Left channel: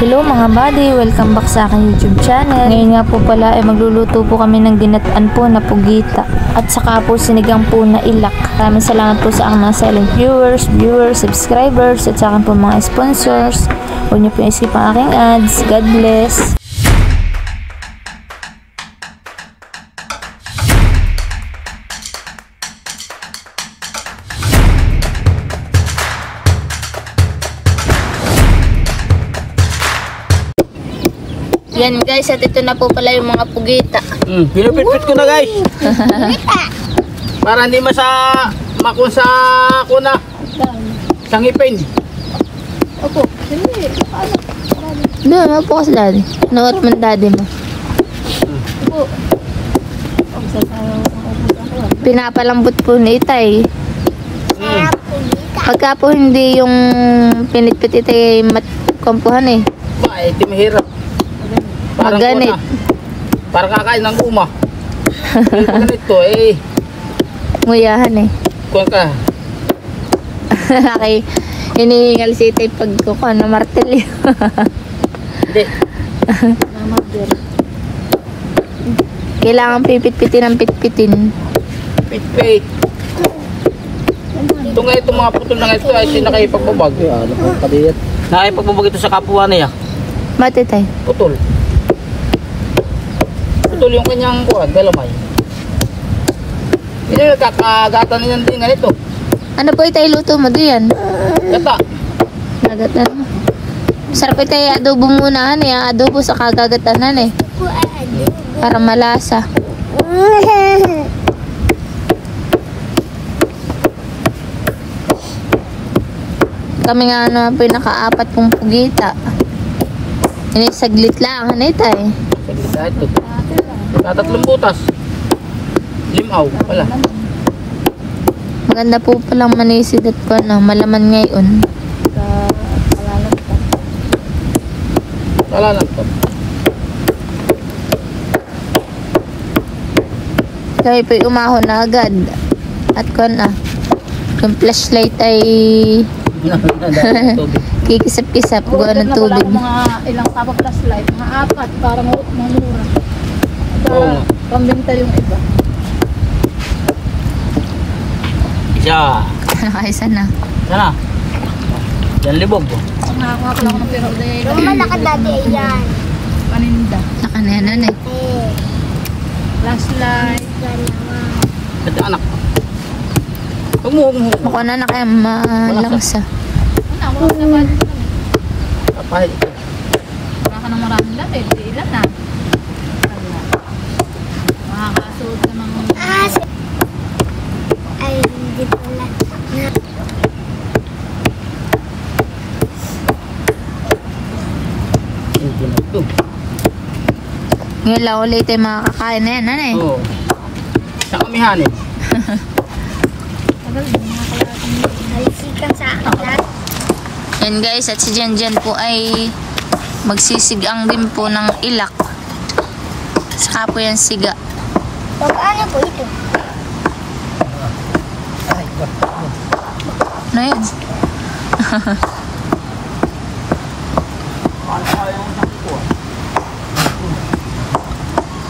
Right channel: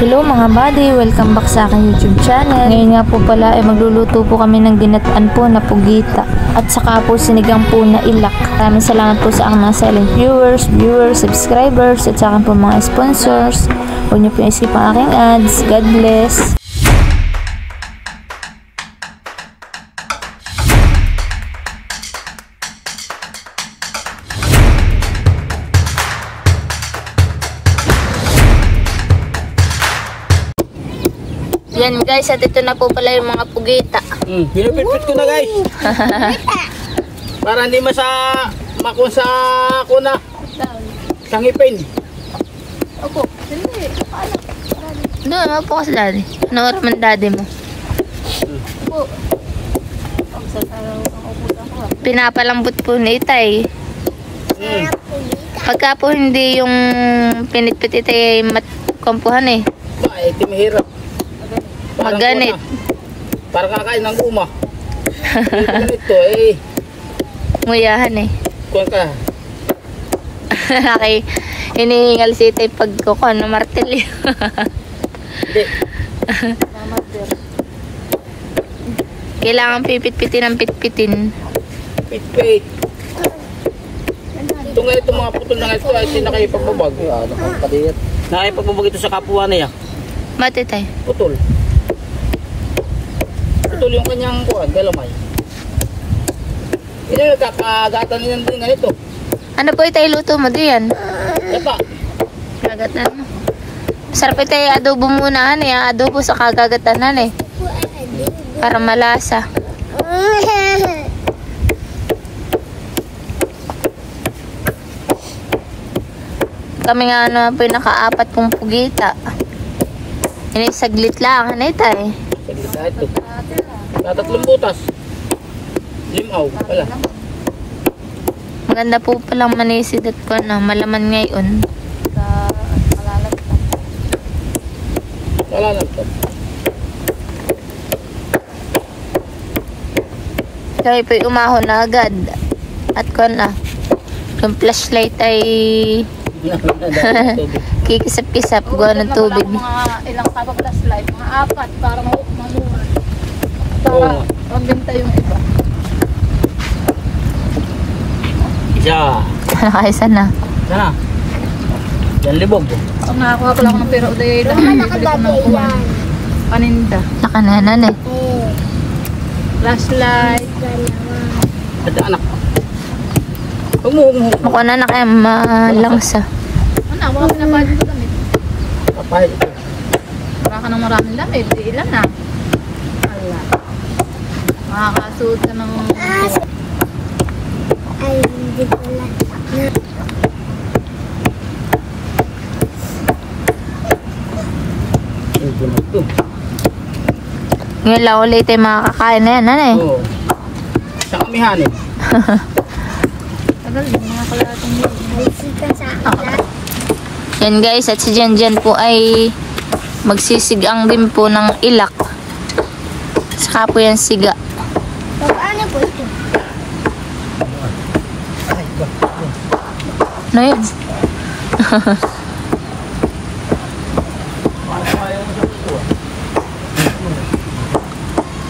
Hello mga buddy, welcome back sa aking YouTube channel. Ngayon nga po pala ay magluluto po kami ng ginataan po na pugita at saka po sinigang po na ilak. Maraming salamat po sa aking mga silent viewers, subscribers at sa aking po mga sponsors. Huwag niyo po isip ang aking ads. God bless. Yan guys, at ito na po pala yung mga pugita. Pinupit-pit ko na guys. Para hindi makun sa kuna. Sa ngipin. Opo, hindi. Doon, opo kasi daddy. Nawarman daddy mo. Opo. Pinapalambot po ni Itay. Pagka po hindi yung pinitpit Itay matkompuhan eh. Ba, ito mahirap. Maganit. Parang kakain ng guma. Ganito eh. Nguyahan eh. Kuha ka. Okay. Hinihingal si Itay pagkukuha ng martilyo. Hindi. Kailangan pipit-pitin ang pitpitin. Pit-pit. Ito nga itong mga putol na ito ay sinakayipagbabag. Nakayipagbabag ito sa kapwa niya. Ba't Itay? Putol. Putol yung kanyang kuha, dalamay. Hindi nagkakagatan niyan din ganito. Ano po Itay luto mo diyan? Gata. Gagatan mo. Sarap Itay adobo muna eh. Adobo sa kagagatanan eh. Para malasa. Kami nga ano po yung naka-apat pong pugita. Ini saglit lang, ano Itay? Saglit na ito. Tatlong butas. Limaw pala. Maganda po palang manisid at ko na malaman ngayon. Kalalagtap. Kami po umahon na agad. At ko na. Yung flashlight ay kikisap-kisap. Gawa ng tubig. Mga ilang tapang flashlight. Mga 4 para mamura. Oo. Pambinta yung iba. Isa. Nakaisa na. Sana. Yan libog. Pag nakakuha ko lang ng pera ulit. Malakad dati yan. Paninda. Nakananan eh. Flashlight. At anak. Huwag mo. Mukha na kaya malangsa. Ano, mga pinapahal ko lang eh. Papahal ito. Wala ka ng maraming lamit. Di ilan na. Wala. Makakasuot ka ng... Ay, hindi pala. Hindi na ito. Ngayon lang ulit tayo makakakain na yan, ano eh. Oo. Isang amihanin. Tagal yung mga kalating yun. Malisikan sa akin. Yan guys, at si Jan po ay magsisigang din po ng ilak. Saka po yan siga. Ano po ito? Ano yun?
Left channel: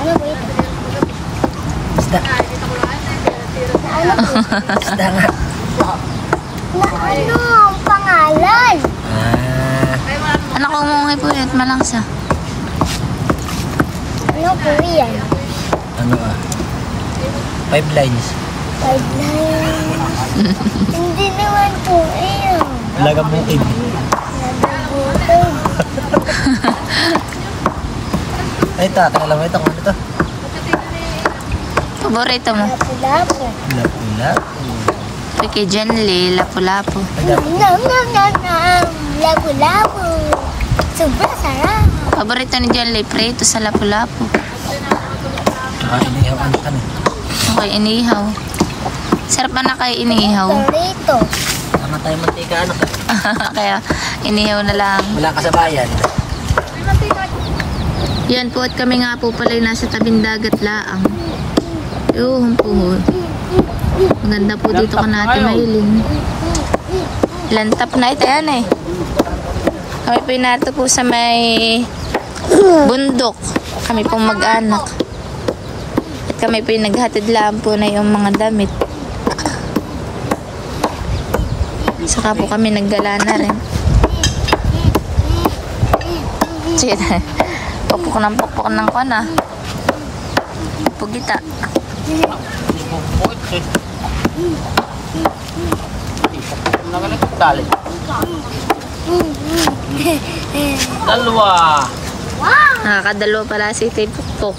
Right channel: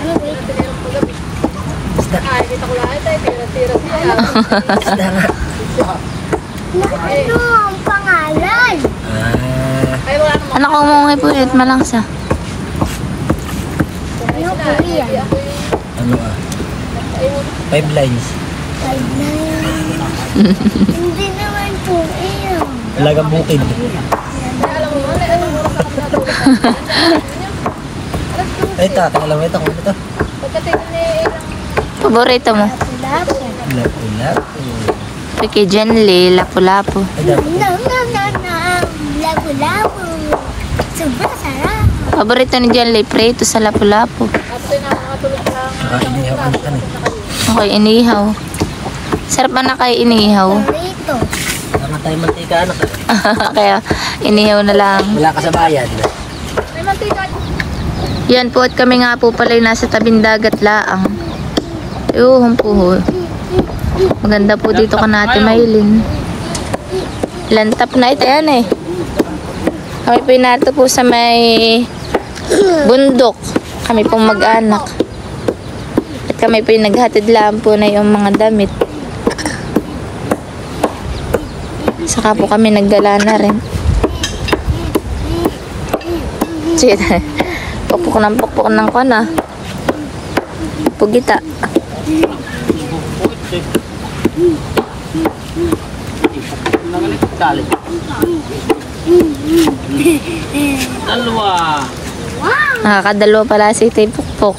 Ano po ito? Kita ko lang ito. Tira-tira. Na ano ang pangalan? Ay, wala naman. Anak ko mungay po yun, malangsa. Ano po yan? Ano 5 lines. 5 lines. Hindi naman po yan. Laga bukid. Ay, tatang alam mo ito kung ano ito. Paborito mo? Lapu-lapu. Lapu-lapu. Kay Janley, lapu-lapu. Nom, nom, nom, nom. Lapu-lapu. Sobrang sarap. Paborito ni Janley, prito sa lapu-lapu. Inihaw ang kami. Okay, inihaw. Sarap na kay inihaw. Dito. Tama tayo mantika anak. Kaya inihaw na lang. Wala ka sa bayan. Yan po at kami nga po pala nasa tabing dagat laang. Yuhong po. Maganda po dito ka natin Maylin. Lantap na ito yan eh. Kami po narito po sa may bundok. Kami pong mag-anak. At kami po naghatid lang po na yung mga damit. Saka po kami nagdala na rin. Sige, pukpuk ng kona. Pugita. Dalawa. Nakakadalawa pala si Tay Pukpuk.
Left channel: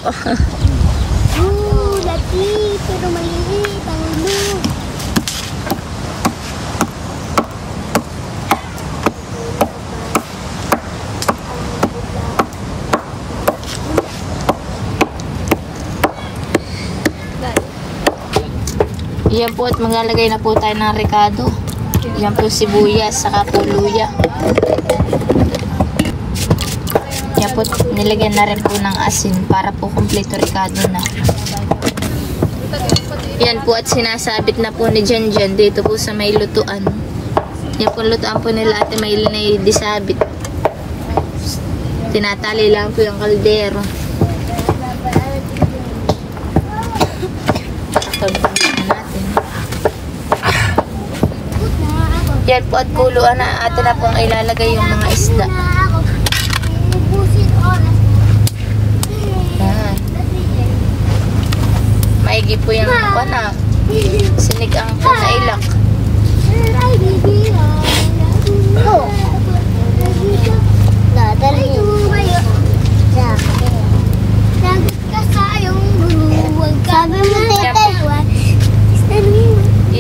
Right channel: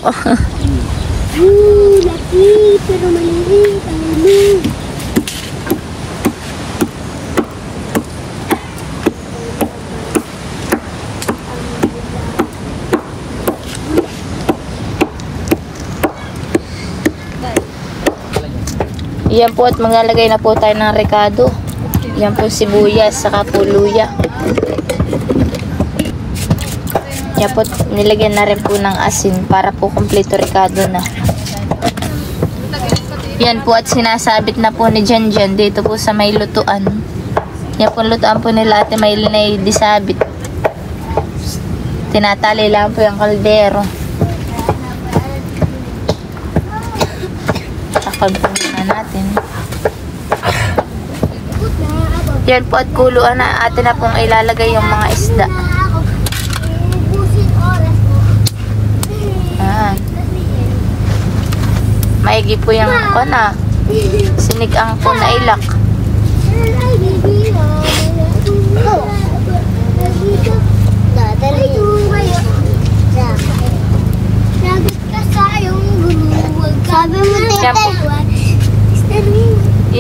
Laki, pero maliit ang ulo. Yan po at maglalagay na po tayo ng rekado. Yan po sibuyas, saka po luya. Yan po, nilagyan na rin po ng asin para po kompleto rekado na. Yan po at sinasabit na po ni Janjan dito po sa may lutuan. Yan po lutuan po nila Ate Maylin ay disabit. Tinatali lang po yung kaldero. Takabang na natin. Yan po at kuluan na atin na pong ilalagay yung mga isda. Yan. Maigi po yung na sinig ang po na ilak.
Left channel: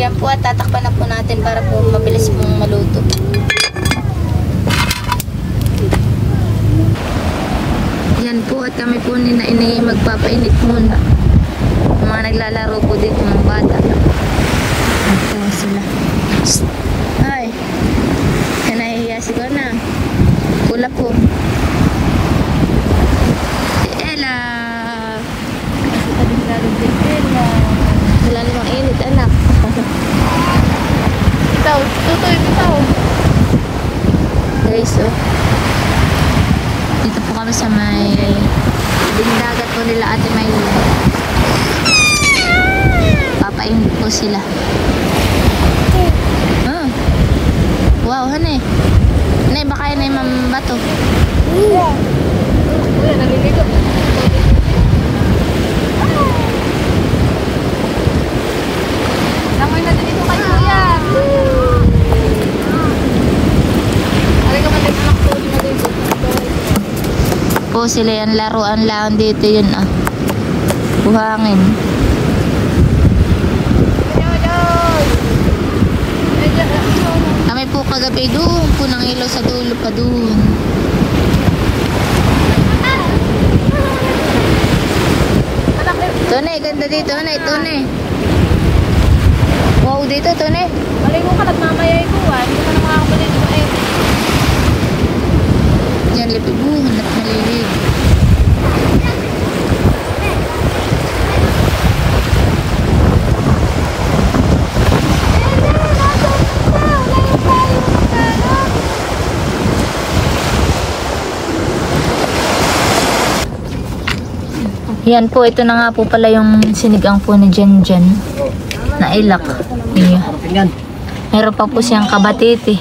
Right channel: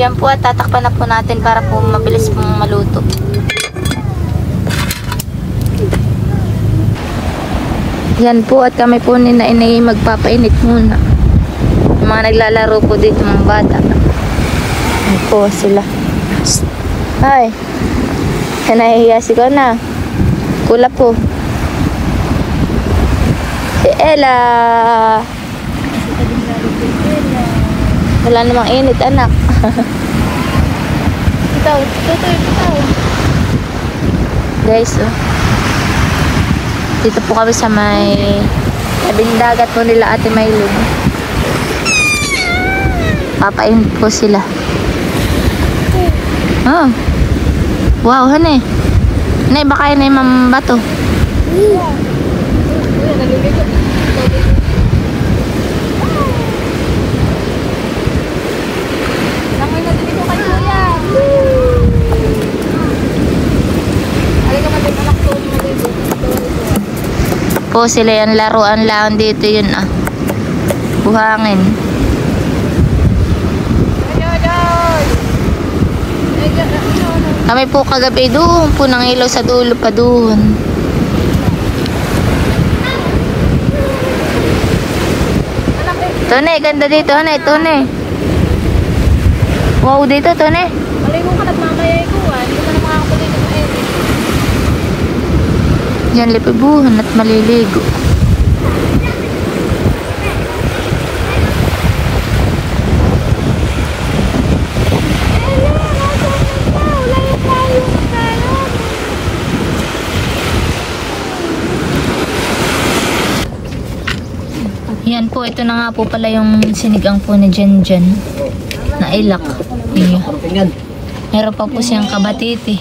Yan po at tatakpan na po natin para po mabilis pong maluto. Yan po at kami po ni Nainay magpapainit muna. Yung mga naglalaro po dito ng bata. Yan po sila. Ay, nahihiya si Kona. Kula po. Si Ella. Wala namang init, anak. Ito. Guys, oh. Dito po kami sa may tabing dagat po nila Ate Maylin. Papainit po sila. Oh. Wow, hane. Hane, baka yun ay mambato. Kuya, naliligo. Langoy natin dito kay Kuya. Alay ka man din anak ko. Po sila yan, laruan lang dito yun ah. Buhangin. Kami po kagabi doon po nang ilaw sa dulo pa doon. Tone, ganda dito, Tone, Tone. Wow, dito, Tone. Maligo ka, nagmamayay ko. Hindi ka na makakapalit ng ayun. Yan, lipibuhan at maliligo. Yan po, ito na nga po pala yung sinigang po ni Janjan na ilak. Iya. Meron pa po siyang kabatiti.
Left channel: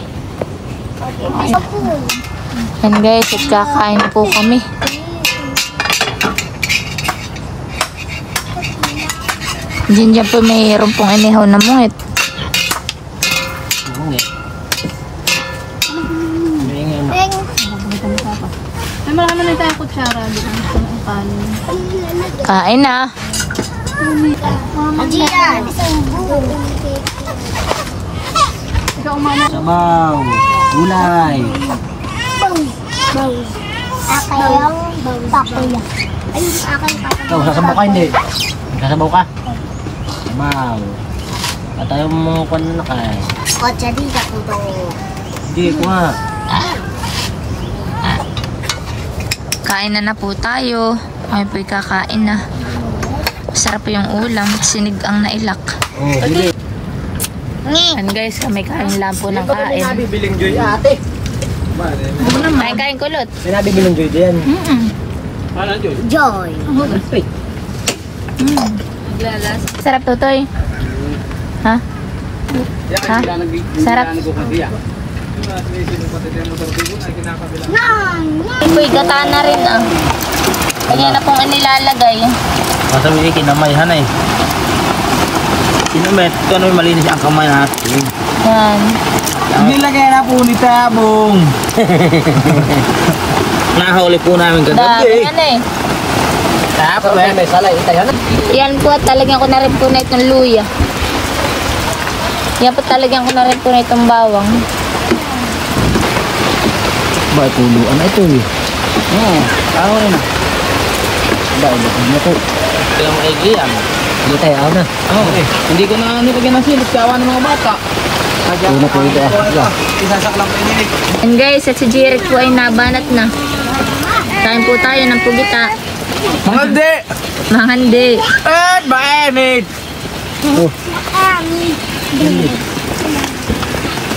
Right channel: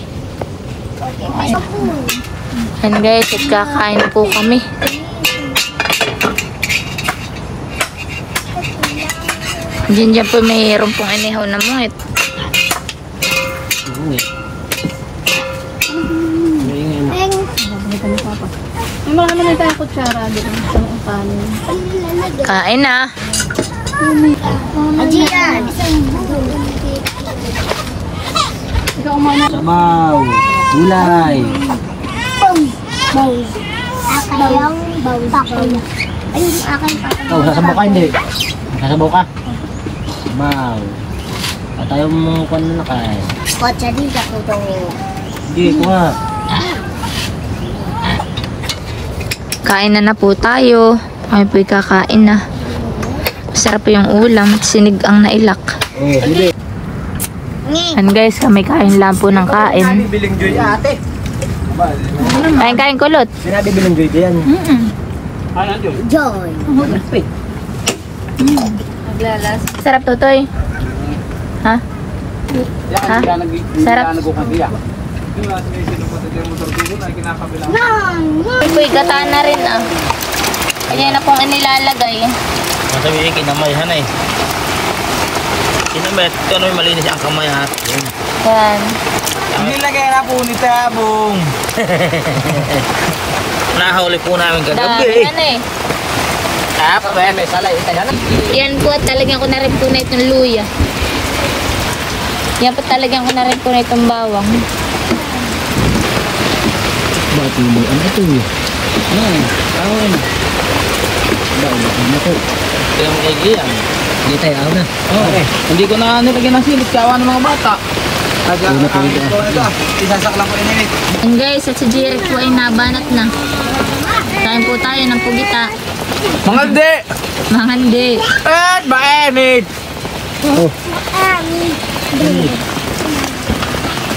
Yan guys, at kakain po kami. Janjan po mayroon pong inihaw na muhit. May marami na tayong kutsara. Dito ang kanin. Kain na. Ajian. Ikaw umama. Sabaw. Gulay. Bang. Akayang bang. Pakuya. Ayun, aking pakuya. Ikaw, sasabaw ka hindi? Sasabaw ka? Sabaw. At ayaw mo kung ano na kay. Kotsa di ako to. Hindi, kuha. Kain na po tayo. Kami po'y kakain na. Masarap po yung ulam at sinig ang nailak. Oh, dili. And guys, kami kain lang po ng kain. Biling Joy ate. Kain kulot. Sinabi mo yung Joy yan. Ano yun? Joy. Naglalas. Sarap tutoy. Ha? Ha? Sarap. Uy, gata na rin ah. Kanya na pong inilalagay. Masabi kinamay hanay. Kinamet, kaya may malinis ang kamay natin. Hindi lagay na po ni Tabong. Nahuli po namin kagabi. Dami eh. Tapos na yan, salay. Yan po at talagyan ko na rin po na itong luya. Yan po talagyan ko na rin po na itong bawang. Matuluan ito eh. Oo, tao rin. Dahil na po. Kaya mo kaibigan. Hindi tayo ako na. Oo. Hindi ko na nilagyan ng silit. Kawa ng mga bata. Hindi na po ito. Isasak lang ko inilit. And guys, at si Jeric po ay nabanat na. Kain po tayo ng pugita. Mga hindi! Mga hindi. At mainit! Oh.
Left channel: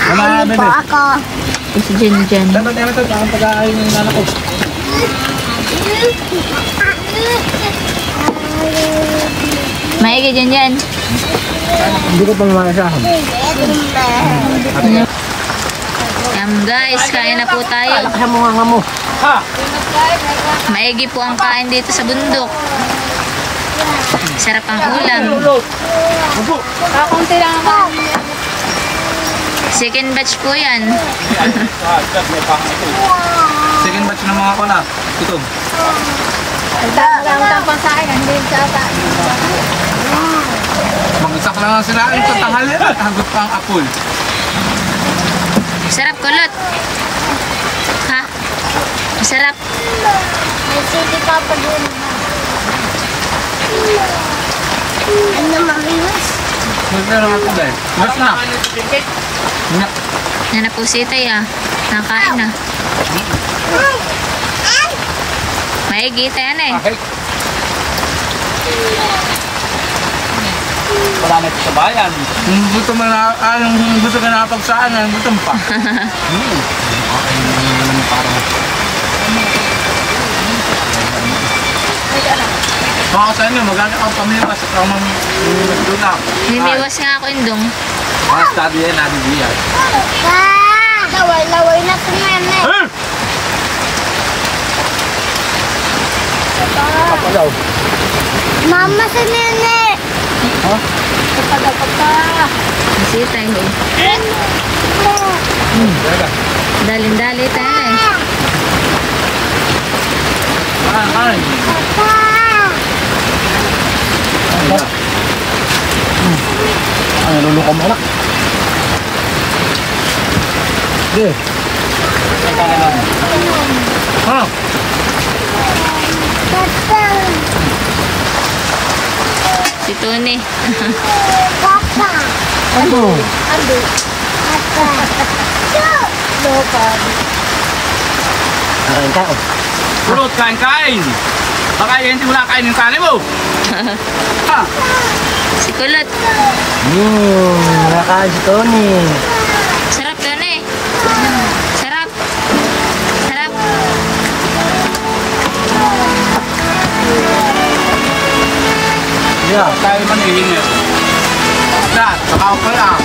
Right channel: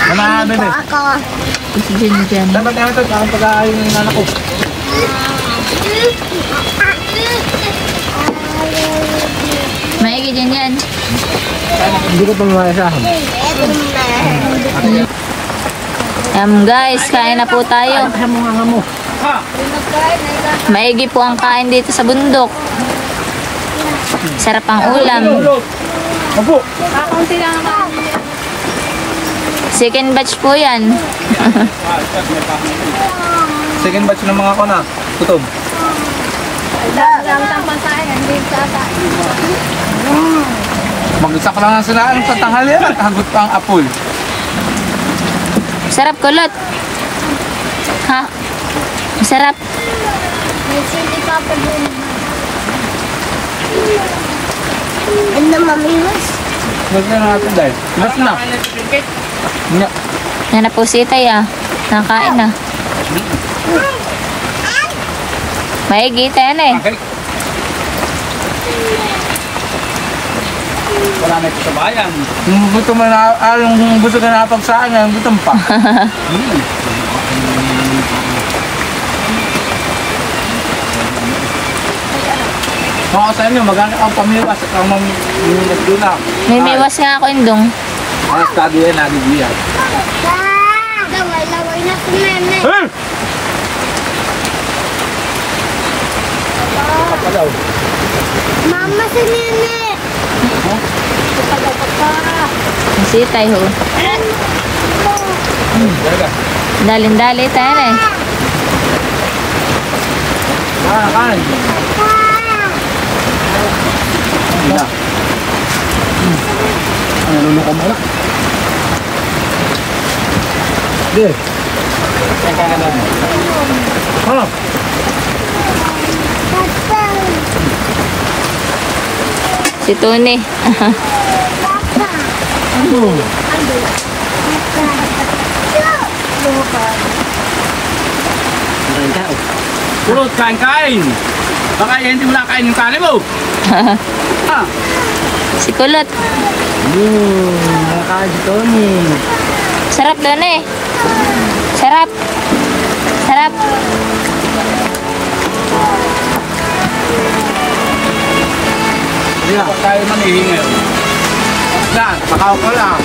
Ako ako. Si Jen Jen. Dapat naman ito. Kakang pag-aayon ng nanak ko. Maigi dyan yan. Hindi ko pa mamasahan. Guys, kain na po tayo. Sa mga mo. Maigi po ang kain dito sa bundok. Sarap ang ulam. Opo. Kakunti lang naman. Second batch po yan. Second batch ng mga kona. Tutob. Ang pasahin, hindi tata. Mag-isak lang ang sila sa tanghali at hagot pang apol. Sarap kulot. Ha? Sarap. May sili ka pa din. Ano mamiwas? Huwag na natin dahil. Bas na. Nga. Yan na po si Itay ah. Nakain na. Maigi tayo na eh. Okay. Wala na ito sa bayan. Yung buto mo na, yung buto ka napagsaan, yung buto pa. Kung ako sa inyo, maganda kang pamiwas at ang mga doon na. May miwas nga ako indong. Ang study yan, nabibiyat. Laway na si Nene. Mama si Nene. Si Itay ho. Daling-dali tayo na eh. Kain. Ang luluko mo na. Sige. Ang kakalan mo. Ha? Si Tony. Ano? Kain ka. Purot, kain! Baka hindi mo na kain yung kanin mo. Ha? Si Kulot. Nakain si Tony. Sarap doon eh. Sarap. Sarap. Yeah. Tayo man hihingi. Kakao ko lang.